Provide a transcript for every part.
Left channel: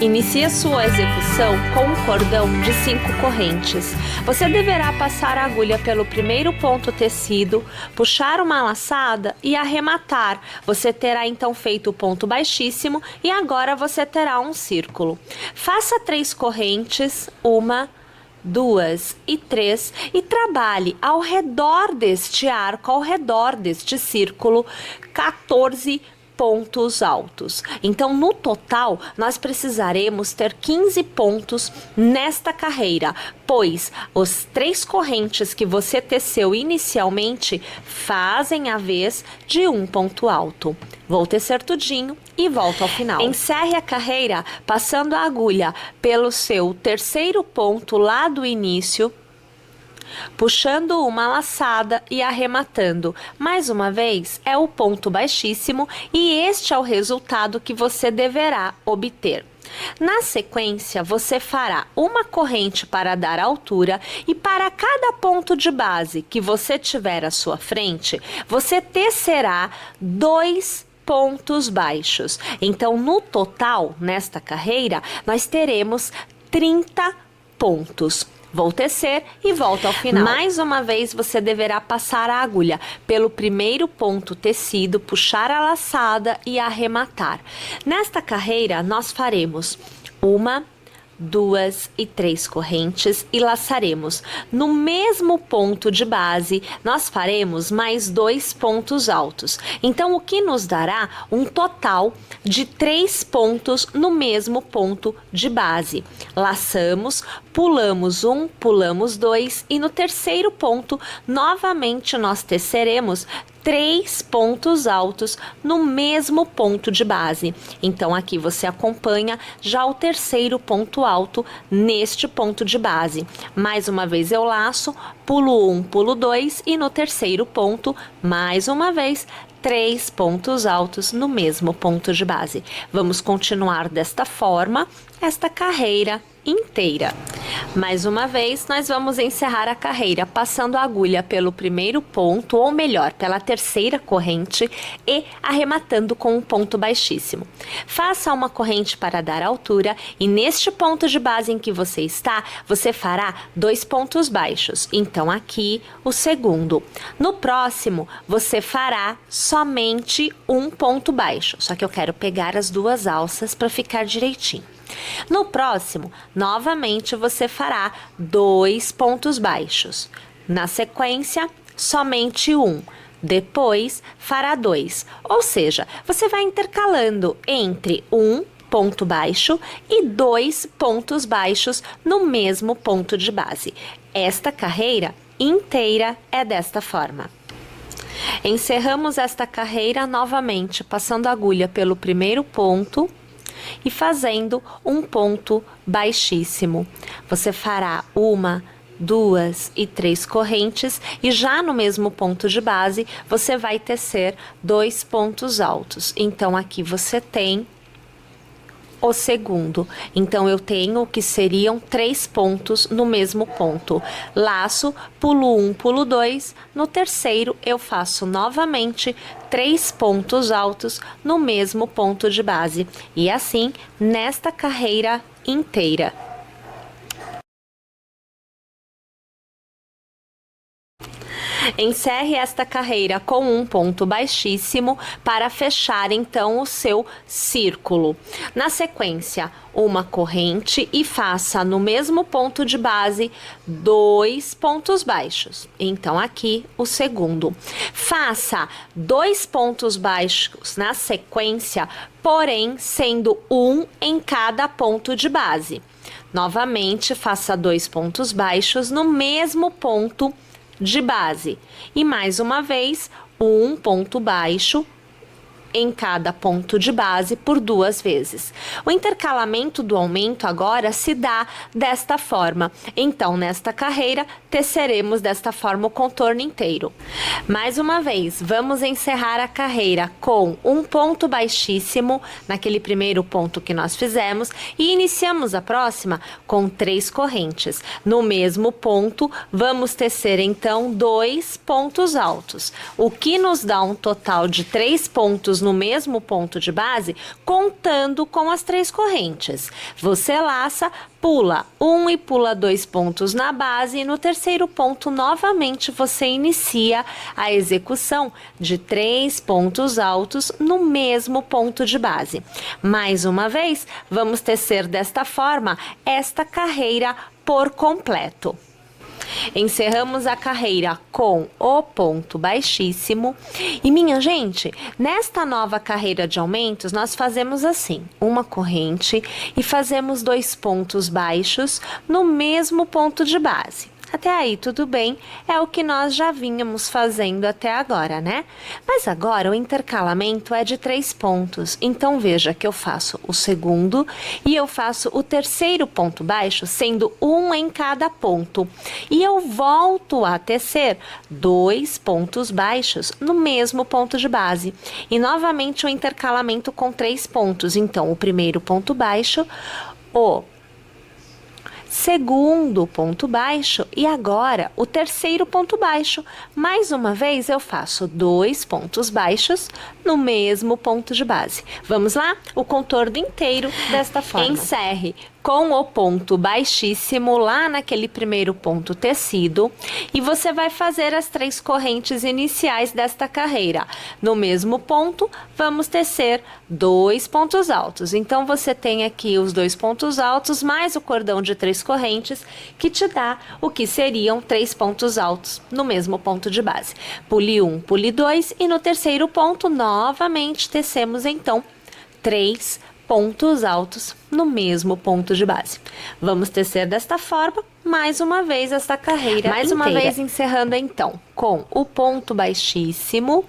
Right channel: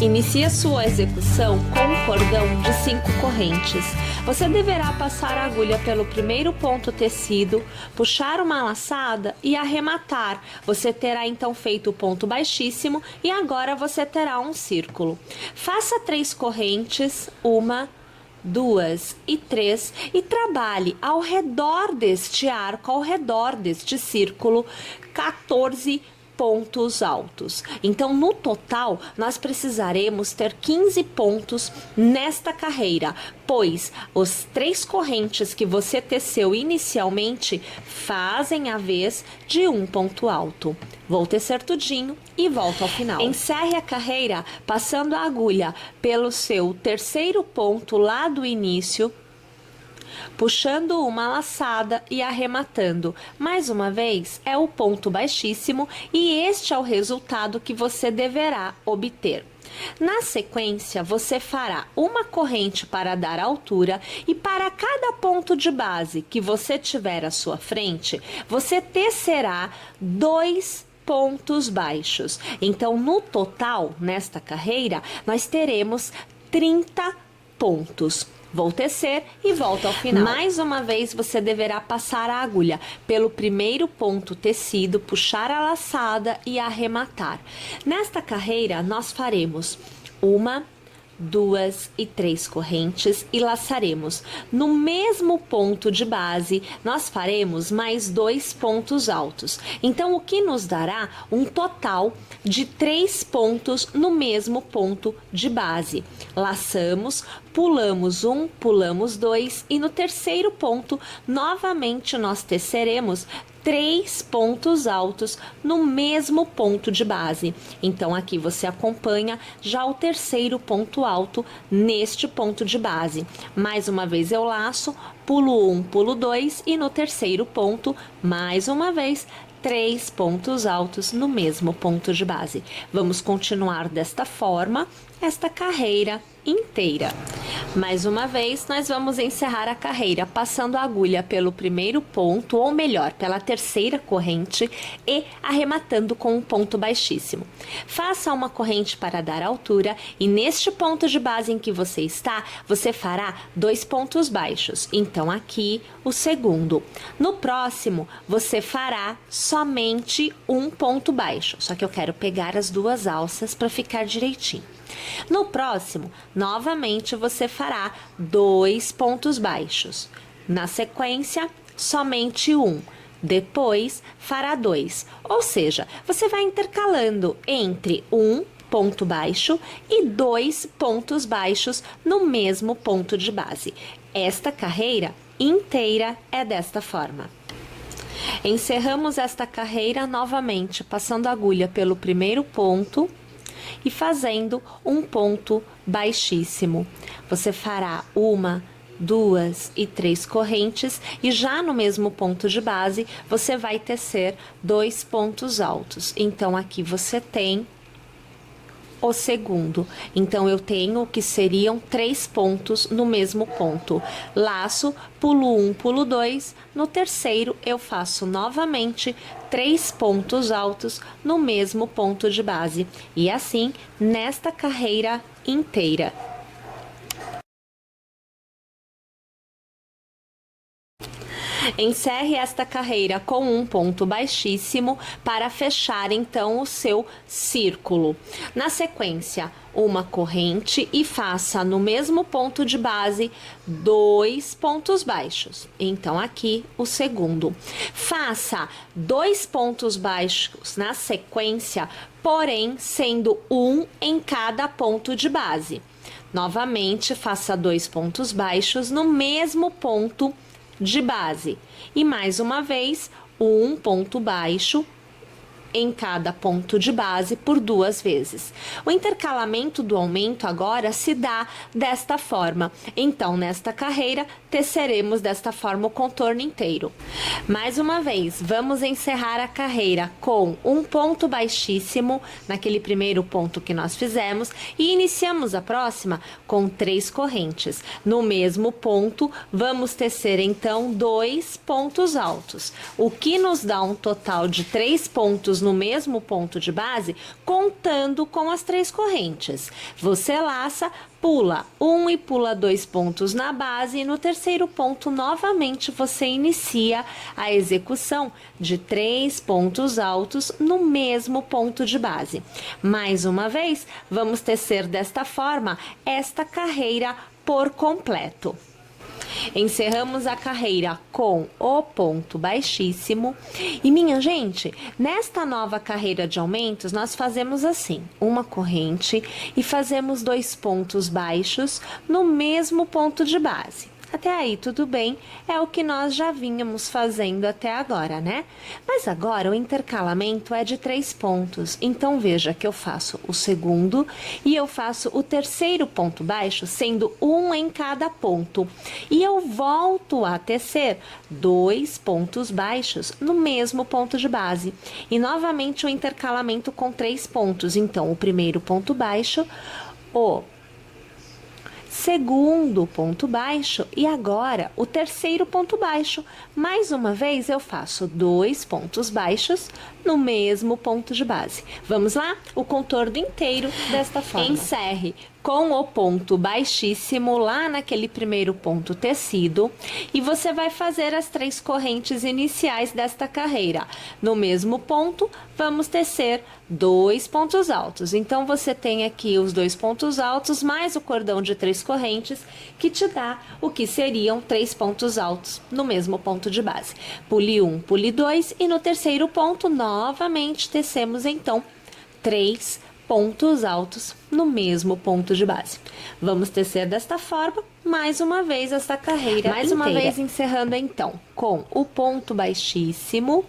Inicie sua execução com um cordão de 5 correntes. Você deverá passar a agulha pelo primeiro ponto tecido, puxar uma laçada e arrematar. Você terá então feito o ponto baixíssimo e agora você terá um círculo. Faça 3 correntes, 1, 2 e 3 e trabalhe ao redor deste arco, ao redor deste círculo, 14 pontos altos. Então, no total, nós precisaremos ter 15 pontos nesta carreira, pois os 3 correntes que você teceu inicialmente fazem a vez de um ponto alto. Vou tecer tudinho e volto ao final. Encerre a carreira passando a agulha pelo seu terceiro ponto lá do início, puxando uma laçada e arrematando. Mais uma vez, é o ponto baixíssimo e este é o resultado que você deverá obter. Na sequência, você fará uma corrente para dar altura e para cada ponto de base que você tiver à sua frente, você tecerá 2 pontos baixos. Então, no total, nesta carreira, nós teremos 30 pontos. Vou tecer e volto ao final. Mais uma vez, você deverá passar a agulha pelo primeiro ponto tecido, puxar a laçada e arrematar. Nesta carreira, nós faremos 1, 2 e 3 correntes e laçaremos. No mesmo ponto de base, nós faremos mais 2 pontos altos. Então, o que nos dará um total de 3 pontos no mesmo ponto de base. Laçamos, pulamos 1, pulamos 2 e no terceiro ponto, novamente nós teceremos 3 pontos altos no mesmo ponto de base. Então, aqui você acompanha já o terceiro ponto alto neste ponto de base. Mais uma vez eu laço, pulo 1, pulo 2 e no terceiro ponto, mais uma vez, 3 pontos altos no mesmo ponto de base. Vamos continuar desta forma esta carreira inteira. Mais uma vez, nós vamos encerrar a carreira passando a agulha pelo primeiro ponto, ou melhor, pela terceira corrente e arrematando com um ponto baixíssimo. Faça uma corrente para dar altura e neste ponto de base em que você está, você fará 2 pontos baixos. Então, aqui o segundo. No próximo, você fará somente um ponto baixo, só que eu quero pegar as 2 alças para ficar direitinho. No próximo, novamente você fará 2 pontos baixos. Na sequência, somente um. Depois, fará 2. Ou seja, você vai intercalando entre um ponto baixo e 2 pontos baixos no mesmo ponto de base. Esta carreira inteira é desta forma. Encerramos esta carreira novamente, passando a agulha pelo primeiro ponto e fazendo um ponto baixíssimo. Você fará 1, 2 e 3 correntes e já no mesmo ponto de base você vai tecer 2 pontos altos. Então, aqui você tem o segundo. Então, eu tenho que seriam 3 pontos no mesmo ponto. Laço, pulo 1, pulo 2. No terceiro, eu faço novamente 3 pontos altos no mesmo ponto de base. E assim, nesta carreira inteira. Encerre esta carreira com um ponto baixíssimo para fechar então o seu círculo. Na sequência, uma corrente e faça no mesmo ponto de base 2 pontos baixos. Então, aqui o segundo. Faça 2 pontos baixos na sequência, porém sendo um em cada ponto de base. Novamente, faça 2 pontos baixos no mesmo ponto de base e mais uma vez um ponto baixo em cada ponto de base por 2 vezes. O intercalamento do aumento agora se dá desta forma. Então, nesta carreira, teceremos desta forma o contorno inteiro. Mais uma vez, vamos encerrar a carreira com um ponto baixíssimo naquele primeiro ponto que nós fizemos e iniciamos a próxima com 3 correntes. No mesmo ponto, vamos tecer então 2 pontos altos, o que nos dá um total de 3 pontos pontos no mesmo ponto de base, contando com as 3 correntes. Você laça, pula 1 e pula 2 pontos na base, e no terceiro ponto, novamente, você inicia a execução de 3 pontos altos no mesmo ponto de base. Mais uma vez, vamos tecer desta forma esta carreira por completo. Encerramos a carreira com o ponto baixíssimo. E minha gente, nesta nova carreira de aumentos, nós fazemos assim, uma corrente e fazemos 2 pontos baixos no mesmo ponto de base. Até aí tudo bem, é o que nós já vínhamos fazendo até agora, né? Mas agora o intercalamento é de 3 pontos, então veja que eu faço o segundo e eu faço o terceiro ponto baixo, sendo um em cada ponto. E eu volto a tecer 2 pontos baixos no mesmo ponto de base. E novamente o intercalamento com 3 pontos, então o primeiro ponto baixo, o segundo ponto baixo e agora o terceiro ponto baixo. Mais uma vez eu faço 2 pontos baixos no mesmo ponto de base. Vamos lá? O contorno inteiro desta forma. Encerre com o ponto baixíssimo lá naquele primeiro ponto tecido e você vai fazer as 3 correntes iniciais desta carreira. No mesmo ponto, vamos tecer 2 pontos altos. Então, você tem aqui os 2 pontos altos mais o cordão de 3 correntes, que te dá o que seriam 3 pontos altos no mesmo ponto de base. Pule 1, pule 2 e no terceiro ponto, novamente, tecemos então 3 pontos altos no mesmo ponto de base. Vamos tecer desta forma, mais uma vez, esta carreira inteira. Uma vez encerrando então com o ponto baixíssimo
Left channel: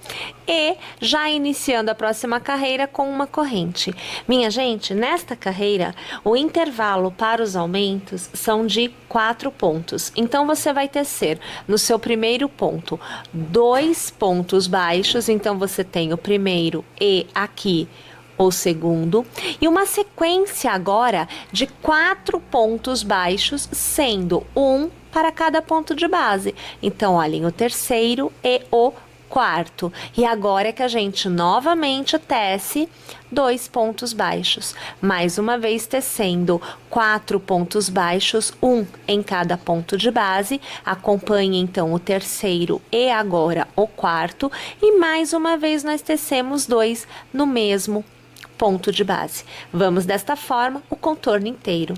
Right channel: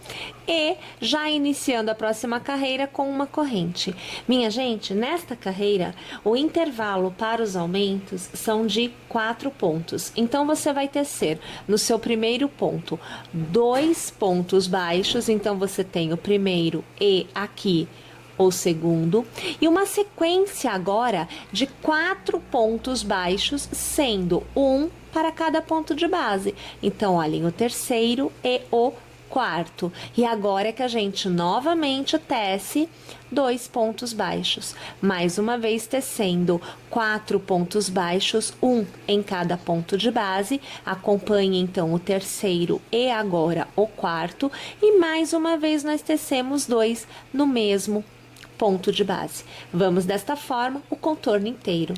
e já iniciando a próxima carreira com uma corrente. Minha gente, nesta carreira, o intervalo para os aumentos são de 4 pontos. Então, você vai tecer no seu primeiro ponto 2 pontos baixos, então você tem o primeiro e aqui o segundo, e uma sequência agora de 4 pontos baixos, sendo um para cada ponto de base. Então, olhem, o terceiro e o quarto. E agora é que a gente novamente tece 2 pontos baixos. Mais uma vez tecendo 4 pontos baixos, um em cada ponto de base. Acompanhe então o terceiro e agora o quarto. E mais uma vez nós tecemos 2 no mesmo ponto de base. Vamos desta forma o contorno inteiro.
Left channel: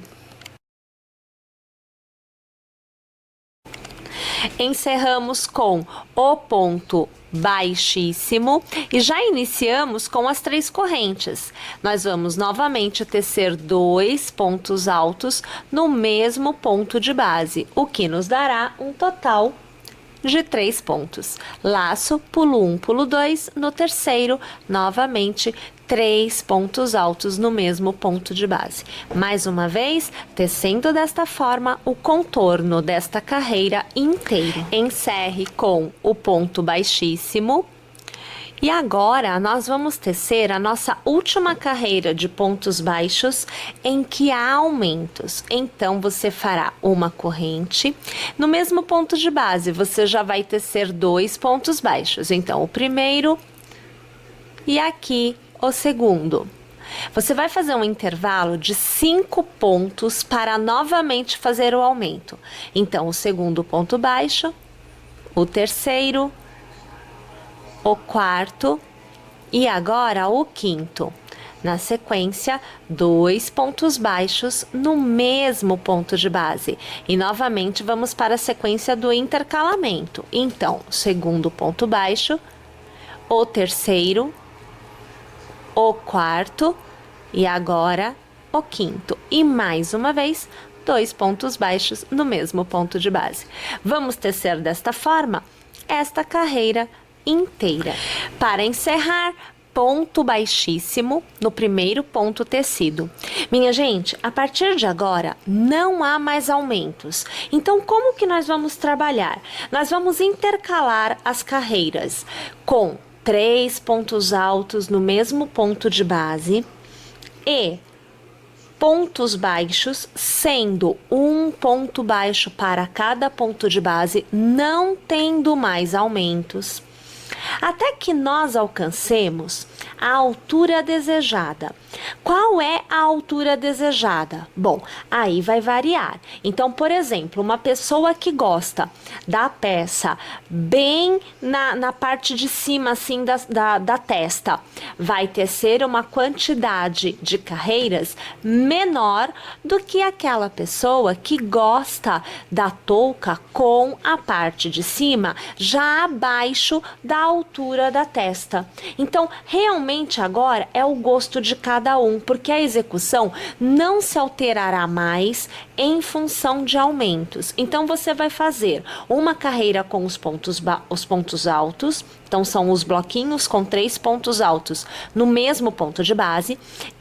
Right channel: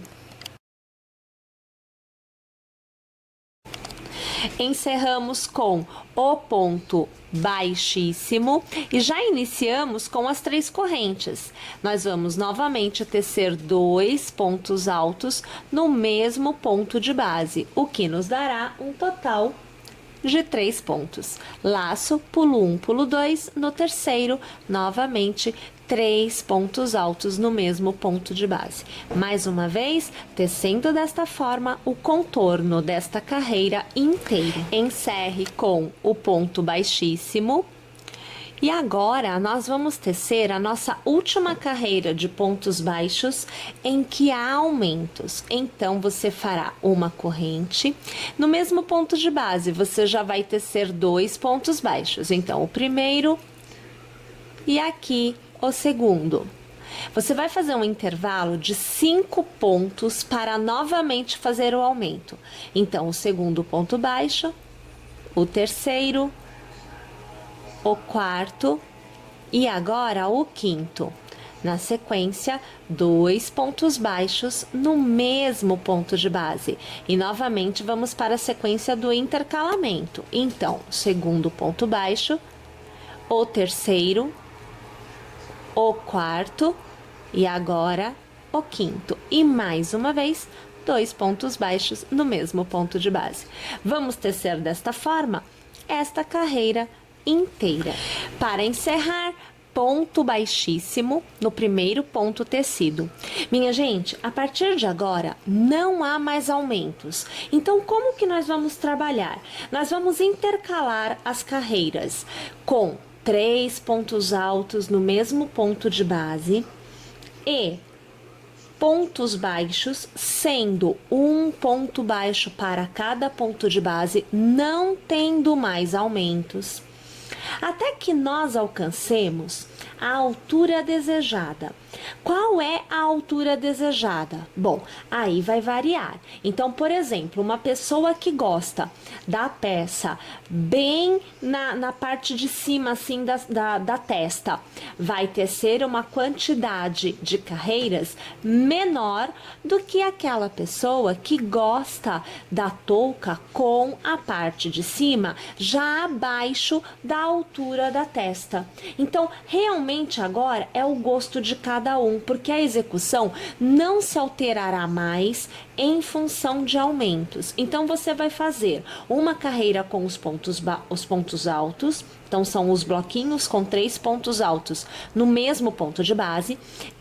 Encerramos com o ponto baixíssimo e já iniciamos com as 3 correntes. Nós vamos novamente tecer 2 pontos altos no mesmo ponto de base, o que nos dará um total de 3 pontos. Laço, pulo 1, pulo 2, no terceiro, novamente, 3 pontos altos no mesmo ponto de base. Mais uma vez, tecendo desta forma o contorno desta carreira inteira. Encerre com o ponto baixíssimo. E agora, nós vamos tecer a nossa última carreira de pontos baixos em que há aumentos. Então, você fará uma corrente. No mesmo ponto de base, você já vai tecer 2 pontos baixos. Então, o primeiro e aqui o segundo. Você vai fazer um intervalo de 5 pontos para novamente fazer o aumento. Então, o segundo ponto baixo, o terceiro, o quarto e agora o quinto. Na sequência, 2 pontos baixos no mesmo ponto de base. E novamente vamos para a sequência do intercalamento. Então, segundo ponto baixo, o terceiro, o quarto e agora o quinto. E mais uma vez, 2 pontos baixos no mesmo ponto de base. Vamos tecer desta forma esta carreira inteira. Para encerrar, ponto baixíssimo no primeiro ponto tecido. Minha gente, a partir de agora não há mais aumentos. Então, como que nós vamos trabalhar? Nós vamos intercalar as carreiras com 3 pontos altos no mesmo ponto de base e pontos baixos, sendo um ponto baixo para cada ponto de base, não tendo mais aumentos. até que nós alcancemos a altura desejada. Qual é a altura desejada? Bom, aí vai variar. Então, por exemplo, uma pessoa que gosta da peça bem na parte de cima, assim, da testa, vai tecer uma quantidade de carreiras menor do que aquela pessoa que gosta da touca com a parte de cima já abaixo da altura da testa. Então, realmente agora é o gosto de cada um, porque a execução não se alterará mais em função de aumentos. Então, você vai fazer uma carreira com os pontos altos, então são os bloquinhos com 3 pontos altos no mesmo ponto de base,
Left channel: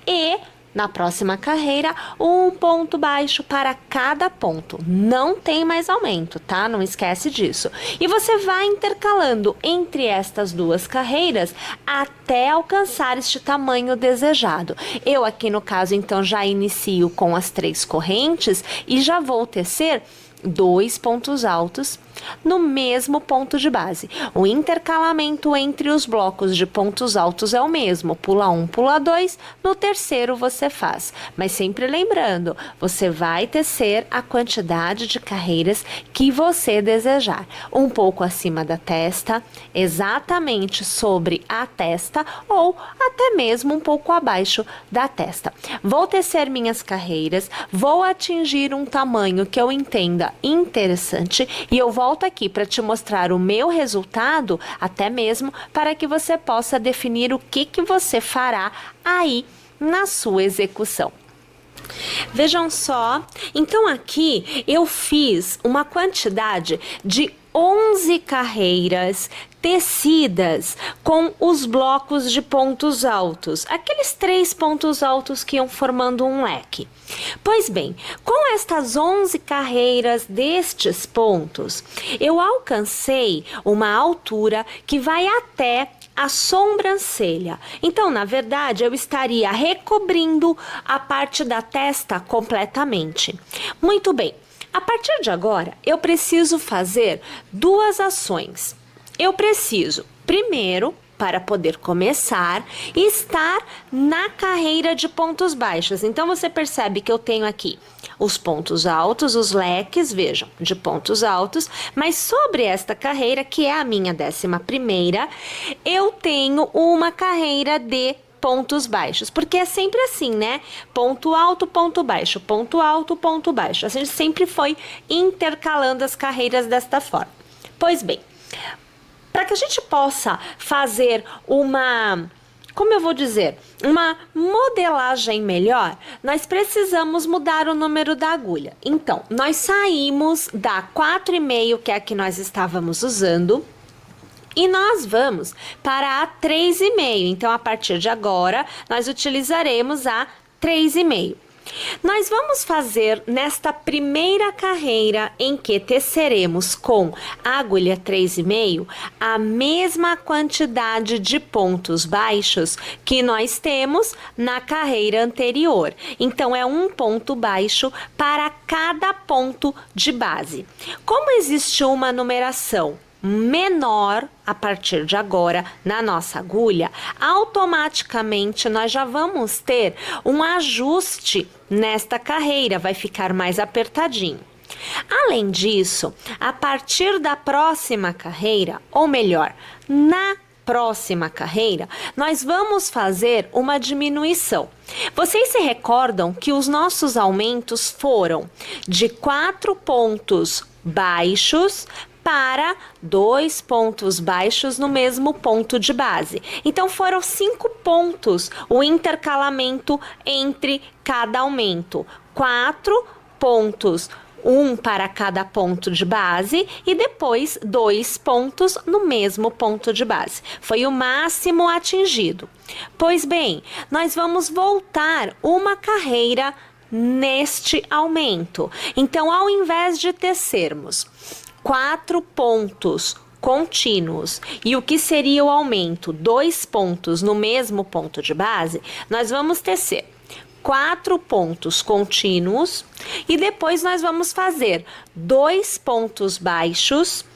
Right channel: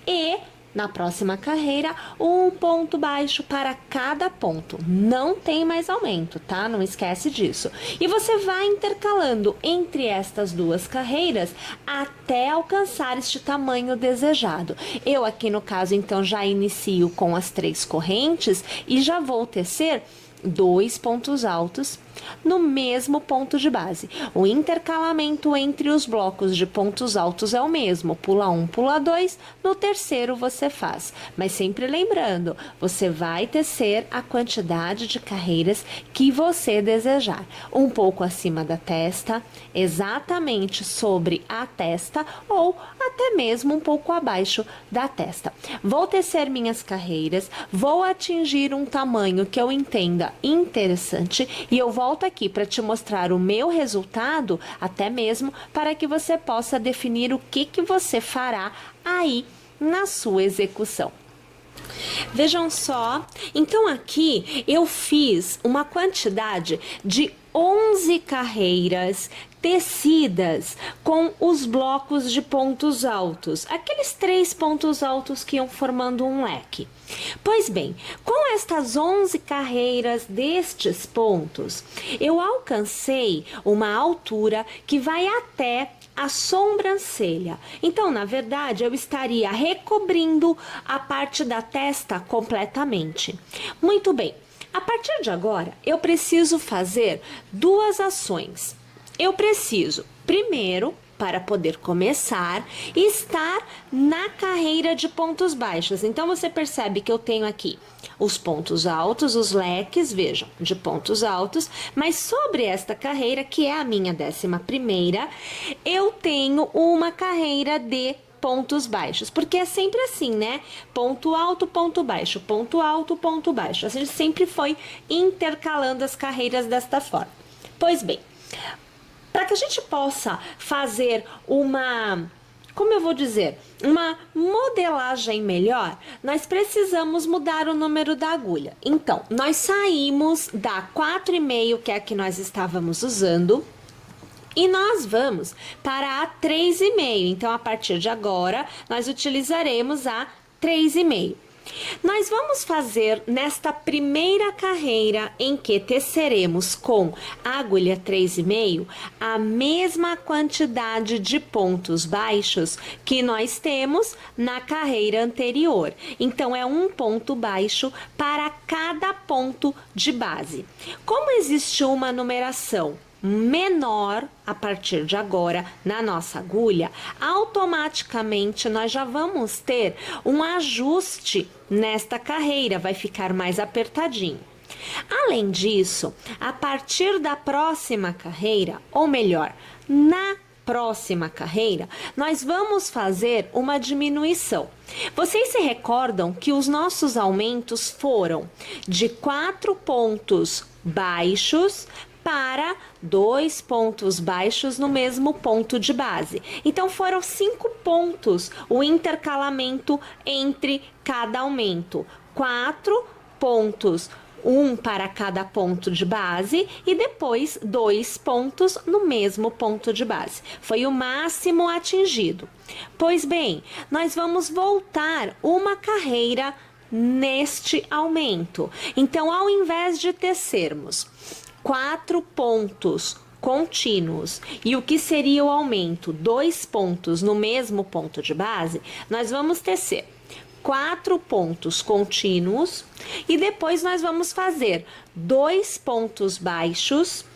e na próxima carreira, um ponto baixo para cada ponto. Não tem mais aumento, tá? Não esquece disso. E você vai intercalando entre estas duas carreiras até alcançar este tamanho desejado. Eu aqui no caso, então, já inicio com as 3 correntes e já vou tecer 2 pontos altos no mesmo ponto de base. O intercalamento entre os blocos de pontos altos é o mesmo, pula 1, pula 2, no terceiro você faz. Mas sempre lembrando, você vai tecer a quantidade de carreiras que você desejar. Um pouco acima da testa, exatamente sobre a testa ou até mesmo um pouco abaixo da testa. Vou tecer minhas carreiras, vou atingir um tamanho que eu entenda interessante e eu volto aqui para te mostrar o meu resultado, até mesmo para que você possa definir o que você fará aí na sua execução. Vejam só, então aqui eu fiz uma quantidade de 11 carreiras tecidas com os blocos de pontos altos, aqueles 3 pontos altos que iam formando um leque. Pois bem, com estas 11 carreiras destes pontos, eu alcancei uma altura que vai até a sobrancelha. Então, na verdade, eu estaria recobrindo a parte da testa completamente. Muito bem. A partir de agora, eu preciso fazer 2 ações. Eu preciso, primeiro, para poder começar, estar na carreira de pontos baixos. Então, você percebe que eu tenho aqui os pontos altos, os leques, vejam, de pontos altos, mas sobre esta carreira, que é a minha 11ª, eu tenho uma carreira de pontos baixos, porque é sempre assim, né? Ponto alto, ponto baixo, ponto alto, ponto baixo. A gente sempre foi intercalando as carreiras desta forma. Pois bem, para que a gente possa fazer uma, como eu vou dizer, uma modelagem melhor, nós precisamos mudar o número da agulha. Então, nós saímos da 4,5, que é a que nós estávamos usando, e nós vamos para a 3,5. Então, a partir de agora, nós utilizaremos a 3,5. Nós vamos fazer nesta primeira carreira em que teceremos com a agulha 3,5 a mesma quantidade de pontos baixos que nós temos na carreira anterior. Então, é um ponto baixo para cada ponto de base. Como existe uma numeração menor a partir de agora na nossa agulha, automaticamente nós já vamos ter um ajuste nesta carreira, vai ficar mais apertadinho. Além disso, a partir da próxima carreira, ou melhor, na próxima carreira, nós vamos fazer uma diminuição. Vocês se recordam que os nossos aumentos foram de 4 pontos baixos para 2 pontos baixos no mesmo ponto de base. Então, foram 5 pontos o intercalamento entre cada aumento. 4 pontos, um para cada ponto de base e depois 2 pontos no mesmo ponto de base. Foi o máximo atingido. Pois bem, nós vamos voltar uma carreira neste aumento. Então, ao invés de tecermos 4 pontos contínuos e o que seria o aumento, 2 pontos no mesmo ponto de base, nós vamos tecer 4 pontos contínuos e depois nós vamos fazer 2 pontos baixos,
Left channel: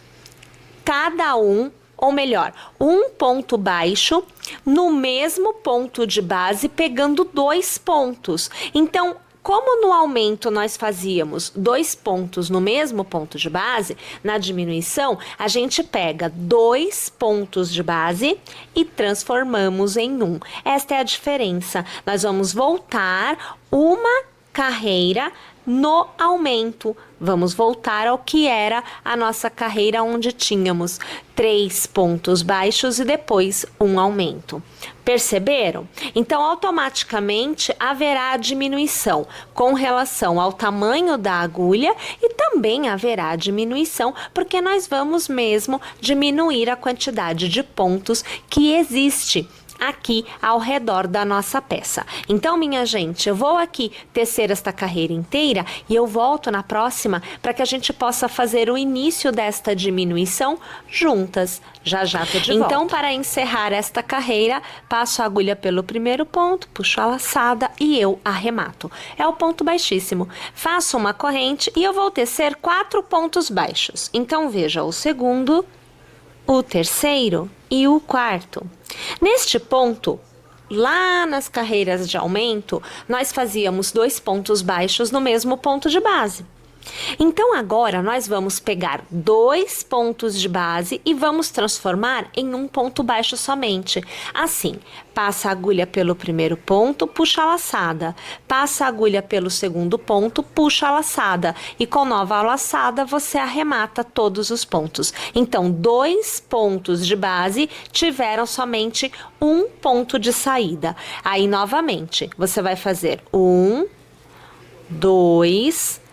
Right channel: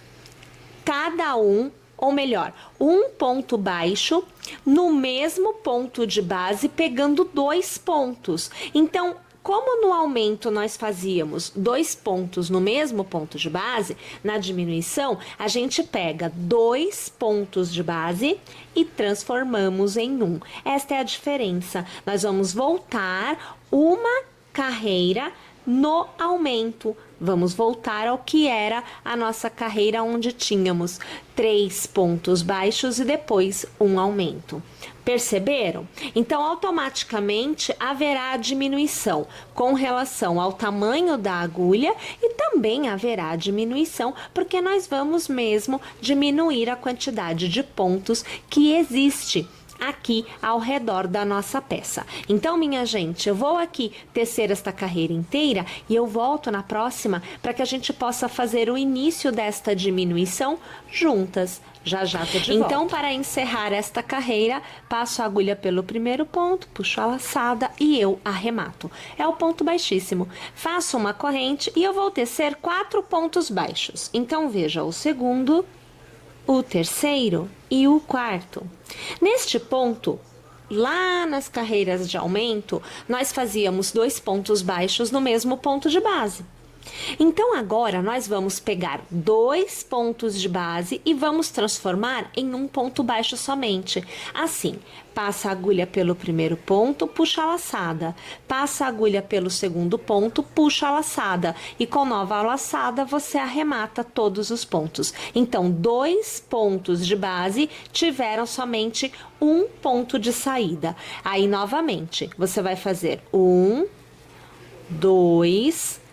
cada um ou melhor, um ponto baixo no mesmo ponto de base, pegando 2 pontos. Então, como no aumento nós fazíamos 2 pontos no mesmo ponto de base, na diminuição a gente pega 2 pontos de base e transformamos em 1. Esta é a diferença. Nós vamos voltar uma carreira no aumento. Vamos voltar ao que era a nossa carreira, onde tínhamos 3 pontos baixos e depois um aumento. Perceberam? Então, automaticamente haverá diminuição com relação ao tamanho da agulha e também haverá diminuição porque nós vamos mesmo diminuir a quantidade de pontos que existe aqui ao redor da nossa peça. Então, minha gente, eu vou aqui tecer esta carreira inteira e eu volto na próxima para que a gente possa fazer o início desta diminuição juntas. Já tô de volta. Então, para encerrar esta carreira, passo a agulha pelo primeiro ponto, puxo a laçada e eu arremato. É o ponto baixíssimo. Faço uma corrente e eu vou tecer 4 pontos baixos. Então, veja o segundo, o terceiro e o quarto. Neste ponto, lá nas carreiras de aumento, nós fazíamos 2 pontos baixos no mesmo ponto de base. Então, agora nós vamos pegar 2 pontos de base e vamos transformar em um ponto baixo somente. Assim, passa a agulha pelo primeiro ponto, puxa a laçada. Passa a agulha pelo segundo ponto, puxa a laçada. E com nova laçada, você arremata todos os pontos. Então, 2 pontos de base tiveram somente um ponto de saída. Aí, novamente, você vai fazer 1, 2,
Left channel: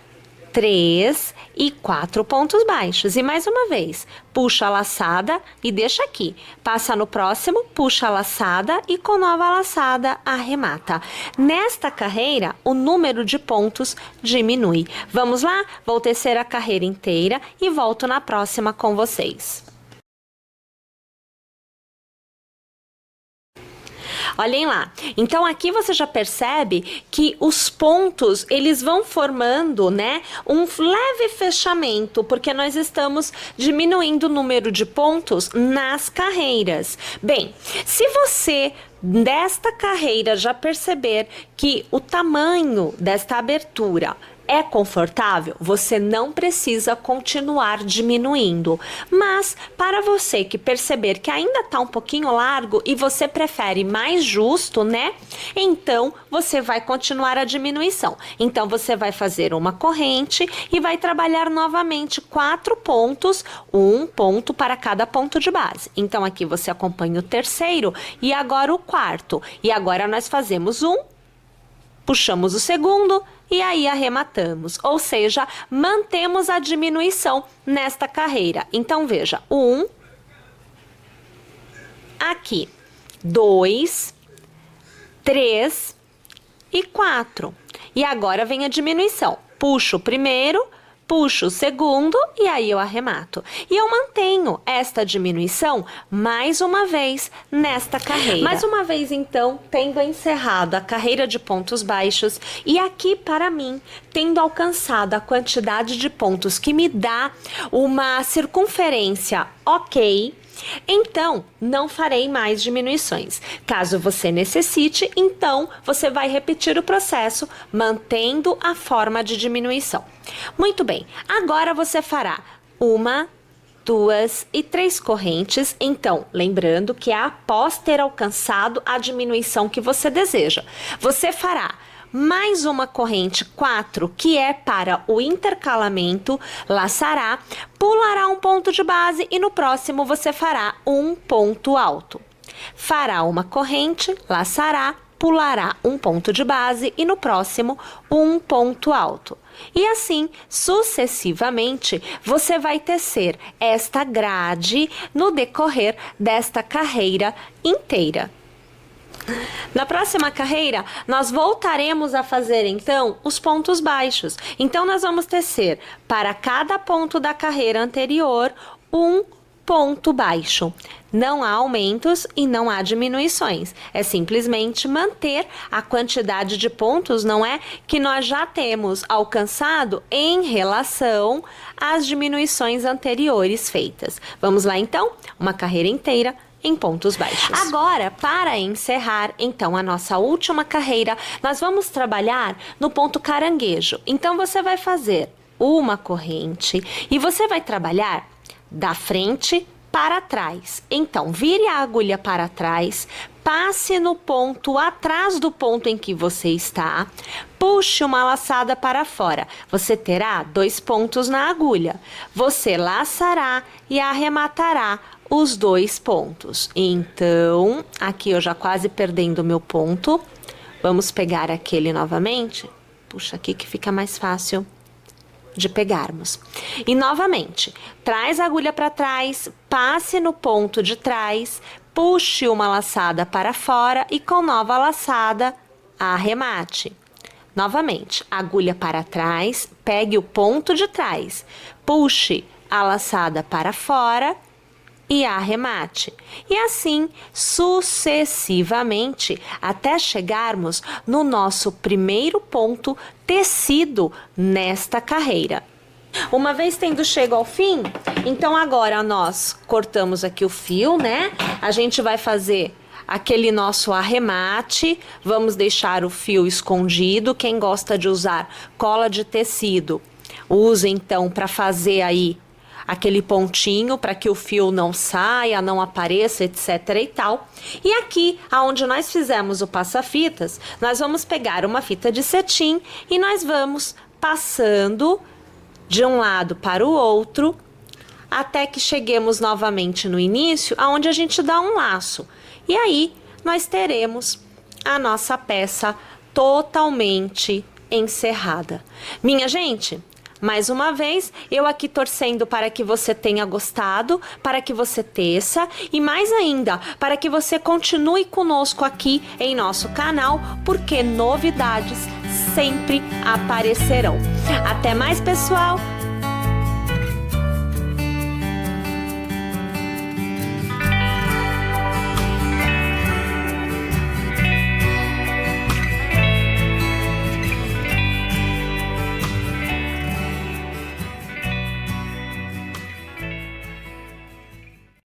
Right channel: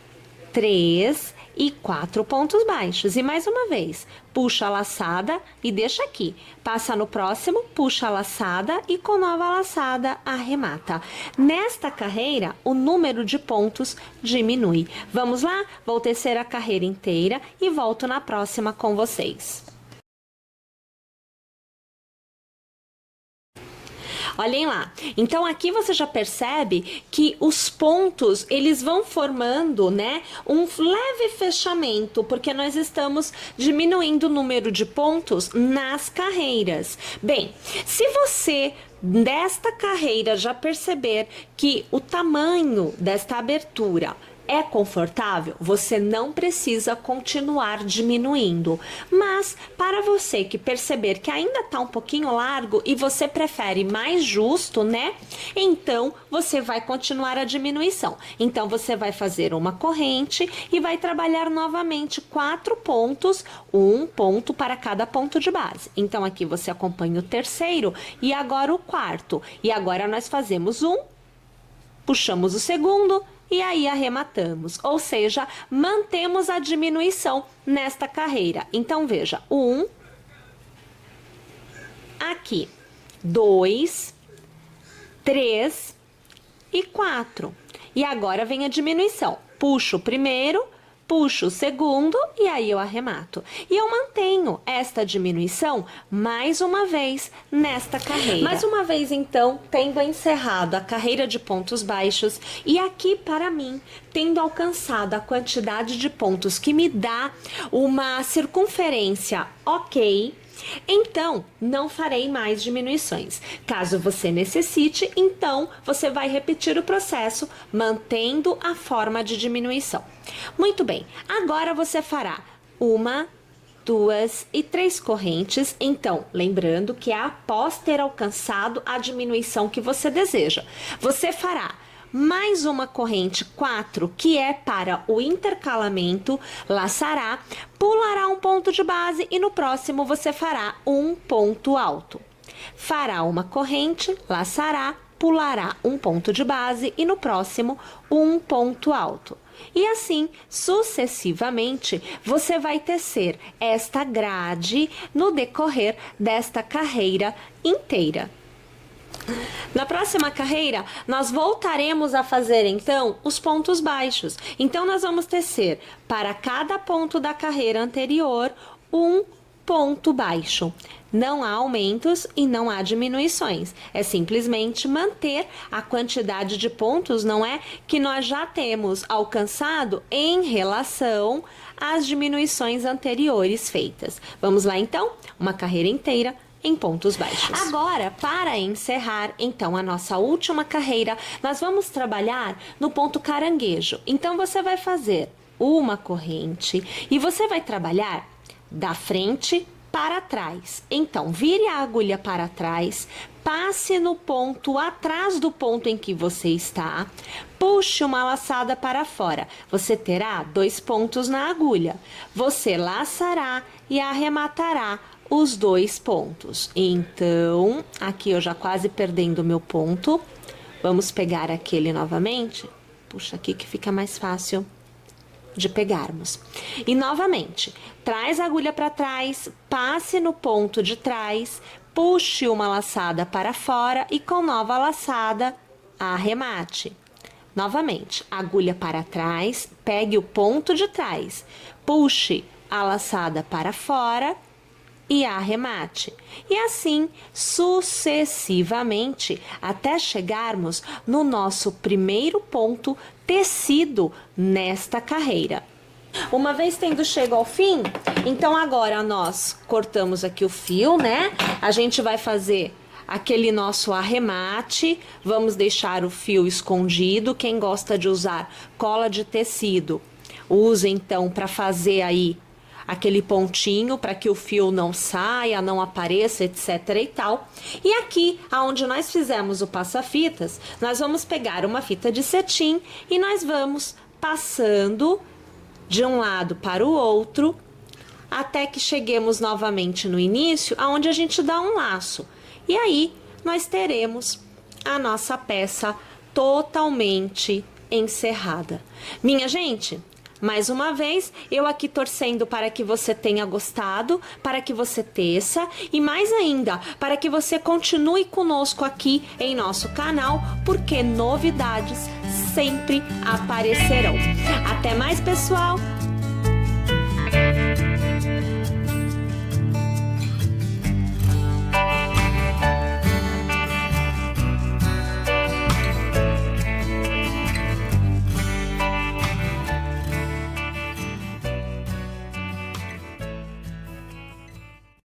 3 e 4 pontos baixos. E mais uma vez, puxa a laçada e deixa aqui. Passa no próximo, puxa a laçada e com nova laçada arremata. Nesta carreira, o número de pontos diminui. Vamos lá? Vou tecer a carreira inteira e volto na próxima com vocês. Olhem lá, então aqui você já percebe que os pontos, eles vão formando, né, um leve fechamento, porque nós estamos diminuindo o número de pontos nas carreiras. Bem, se você desta carreira já perceber que o tamanho desta abertura é confortável, você não precisa continuar diminuindo. Mas para você que perceber que ainda tá um pouquinho largo e você prefere mais justo, né? Então você vai continuar a diminuição. Então você vai fazer uma corrente e vai trabalhar novamente 4 pontos, um ponto para cada ponto de base. Então aqui você acompanha o terceiro e agora o quarto. E agora nós fazemos um, puxamos o segundo e aí arrematamos, ou seja, mantemos a diminuição nesta carreira. Então, veja, 1, aqui, 2, 3 e 4. E agora vem a diminuição. Puxo o primeiro, puxo o segundo e aí eu arremato. E eu mantenho esta diminuição mais uma vez nesta carreira. Mais uma vez, então, tendo encerrado a carreira de pontos baixos e aqui, para mim, tendo alcançado a quantidade de pontos que me dá uma circunferência ok, então não farei mais diminuições. Caso você necessite, então você vai repetir o processo mantendo a forma de diminuição. Muito bem, agora você fará 1, 2 e 3 correntes. Então, lembrando que é após ter alcançado a diminuição que você deseja. Você fará mais uma corrente 4, que é para o intercalamento, laçará, pulará um ponto de base e no próximo você fará um ponto alto. Fará uma corrente, laçará, pulará um ponto de base e no próximo um ponto alto. E assim, sucessivamente, você vai tecer esta grade no decorrer desta carreira inteira. Na próxima carreira, nós voltaremos a fazer, então, os pontos baixos. Então, nós vamos tecer para cada ponto da carreira anterior um ponto baixo. Não há aumentos e não há diminuições. É simplesmente manter a quantidade de pontos, não é? Que nós já temos alcançado em relação às diminuições anteriores feitas. Vamos lá então? Uma carreira inteira em pontos baixos. Agora, para encerrar, então, a nossa última carreira, nós vamos trabalhar no ponto caranguejo. Então, você vai fazer uma corrente e você vai trabalhar da frente para trás. Então, vire a agulha para trás, passe no ponto atrás do ponto em que você está, puxe uma laçada para fora. Você terá 2 pontos na agulha. Você laçará e arrematará os 2 pontos. Então, aqui eu já quase perdendo o meu ponto. Vamos pegar aquele novamente. Puxa aqui que fica mais fácil de pegarmos. E novamente, traz a agulha para trás, passe no ponto de trás, puxe uma laçada para fora e com nova laçada, arremate. Novamente, agulha para trás, pegue o ponto de trás, puxe a laçada para fora e arremate. E assim sucessivamente até chegarmos no nosso primeiro ponto tecido nesta carreira. Uma vez tendo chego ao fim, então agora nós cortamos aqui o fio, né? A gente vai fazer aquele nosso arremate, vamos deixar o fio escondido. Quem gosta de usar cola de tecido, use então para fazer aí aquele pontinho para que o fio não saia, não apareça, etc e tal. E aqui, aonde nós fizemos o passa-fitas, nós vamos pegar uma fita de cetim e nós vamos passando de um lado para o outro, até que cheguemos novamente no início, aonde a gente dá um laço. E aí, nós teremos a nossa peça totalmente encerrada. Minha gente, mais uma vez, eu aqui torcendo para que você tenha gostado, para que você teça e mais ainda, para que você continue conosco aqui em nosso canal, porque novidades sempre aparecerão. Até mais, pessoal!